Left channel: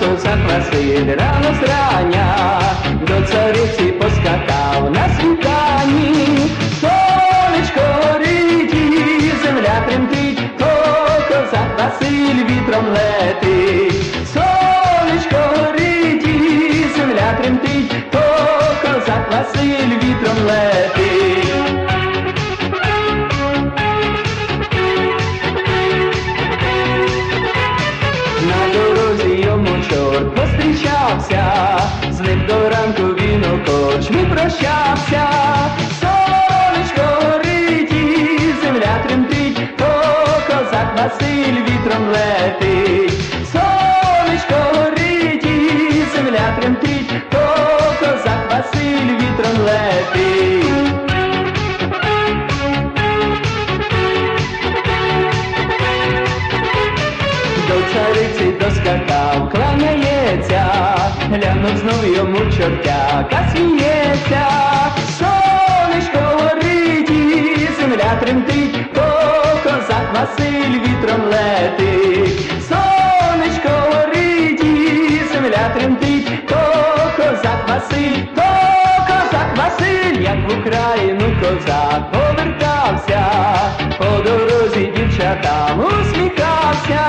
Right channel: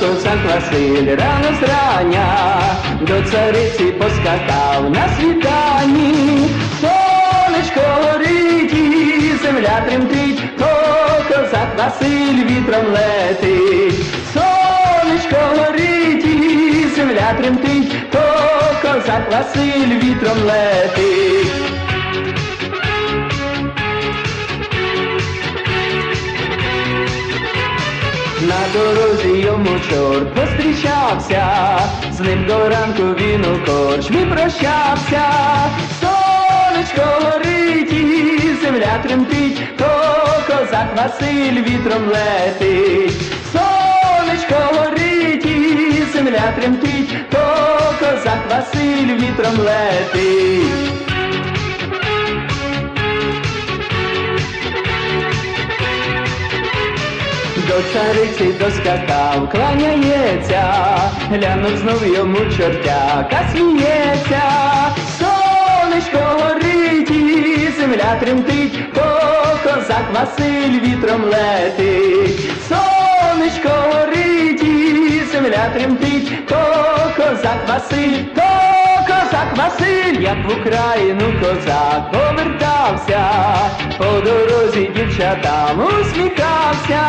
Василь рано зрання до цариці поскакав на світанні. Сонечко горить і земля тремтить, о, козак Василь вітром летить. Сонечко горить земля тремтить, о, козак Василь вітром летить. Йому чорт пострічався, з ним до ранку він у корчмі прощався. Сонечко горить і земля тремтить, то козак Василь вітром летить. Сонечко горить і земля тремтить, то козак Василь вітром летить. До цариці доскакав, кланяється, глянув знов йому чортяка сміється, сонечко горить і земля тремтить, то козак Василь вітром летить, сонечко горить і земля тремтить, то козак Василь, то козак Василь, як в Україну козак повертався, по дорозі дівчатам усміхався,